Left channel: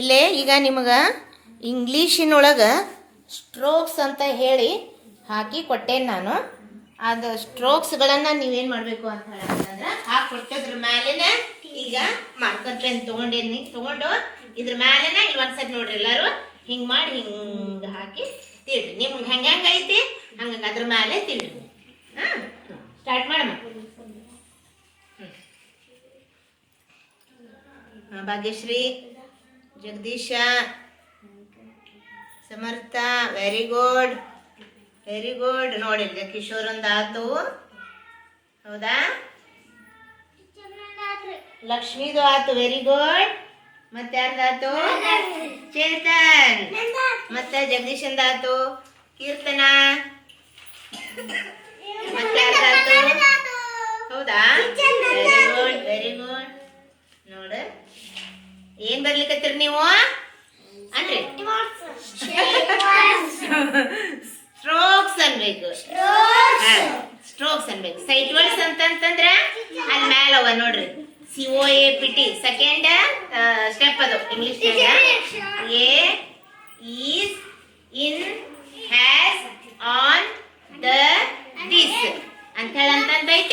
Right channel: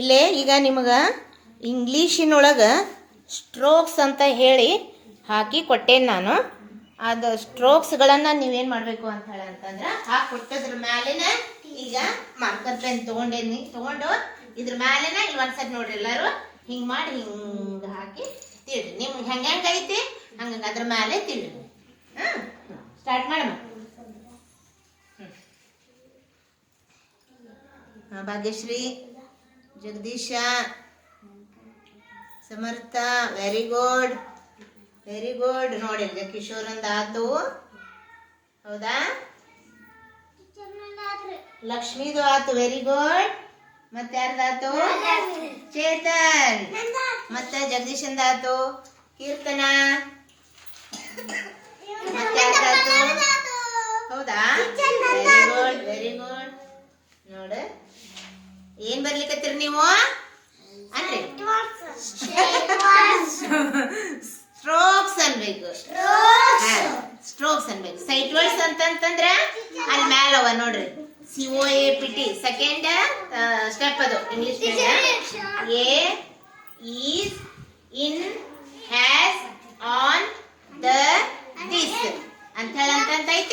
ಇಲ್ಲೇ ಈಗ ನಿಮಗೆ ಇಂಗ್ಲೀಷಿನೊಳಗೆ ಸ್ಟ್ರೋಕ್ಸ್ ಅಂತ ಹೇಳಿ ಹಾಕಿ ಕೊಟ್ಟೇನು ನಾನು. ಅದು ಸ್ಟ್ರೋಕ್ಸ್ಗಳನ್ನು ನೀವೇನು ಮಾಡಬೇಕು ಅಂತ ಹೇಳಂತಂದ್ರೆ ಹಾಕಿ ಕೊಟ್ಟದ್ರ ಮೇಲೆನೆ ಈಗ ಮಾರ್ಕರ್ ಪೆನ್ ತೊಗೊಂಡು ಇದ್ರ ಮೇಲೆನೆ ಇಲ್ಲಿ ಒಂದ್ಸರಿ ನೋಡ್ರಿ ಎಲ್ಲರೂ ಹಿಂಗೆ ಮಾಡಿ ಹಿಂಗೆ ಹಾಕಿ ತಿಳ್ರಿ. ನಿಮ್ಗೆ ಹೆಂಗೆ ಐತಿ ಹಂಗೆ ಅದ್ರ ಮೇಲೆ ತಿಳ್ರಿ. ಹಾಂ, ಸ್ಟಾರ್ಟ್ ಮಾಡಮ್ಮ. ಭಾಗ್ಯಶ್ರೀ, ಜಗದೀಶ, ಸಮರ್ಥ, ವೆರಿ ಗುಡ್ ವೆರಿ ಗುಡ್. ನೋಡಿ ಕಿಶೋರ್ ಒಂದು ಆತು, ಹೌದಾ? ಲಕ್ಷ್ಮೀದು ಆತು, ವೆರಿ ಗುಡ್. ಮತ್ತೆ ಯಾರ್ದಾತು? ಚೇತನ್. ಮತ್ತೆ ಜಗದೀಶಂದ ಆತು, ಕೀರ್ತನ. ಮತ್ತೆ ಯಾರ್ದಾತು? ಹೌದಾ? Very good very good. ನೋಡ ಏನ್ ಬರ್ಲಿಕ್ಕತ್ತೀರಿ ನೀವು ಅನ್ರಿ? ಸ್ಟ್ರೋಕ್ಸ್ ಅನ್ಬೇಕು. ಸ್ಟ್ರೋಕ್ಸ್ ಅನ್ಬೇಕು. ಸೈಟ್ ವರ್ಡ್ಸ್ ಅಂತಂದ್ರೆ ಅಲ್ಲಿ ಮ್ಯಾಲ ಅವ ನೋಡ್ರಿ, COAPT ಸೆಕೆಂಡ್ ಸ್ಟೆಪ್ ಅದು English. A is, in, has, on, the, this ಅಂತ ಹೇಳಿ ಅಂತಂದೈತಿ.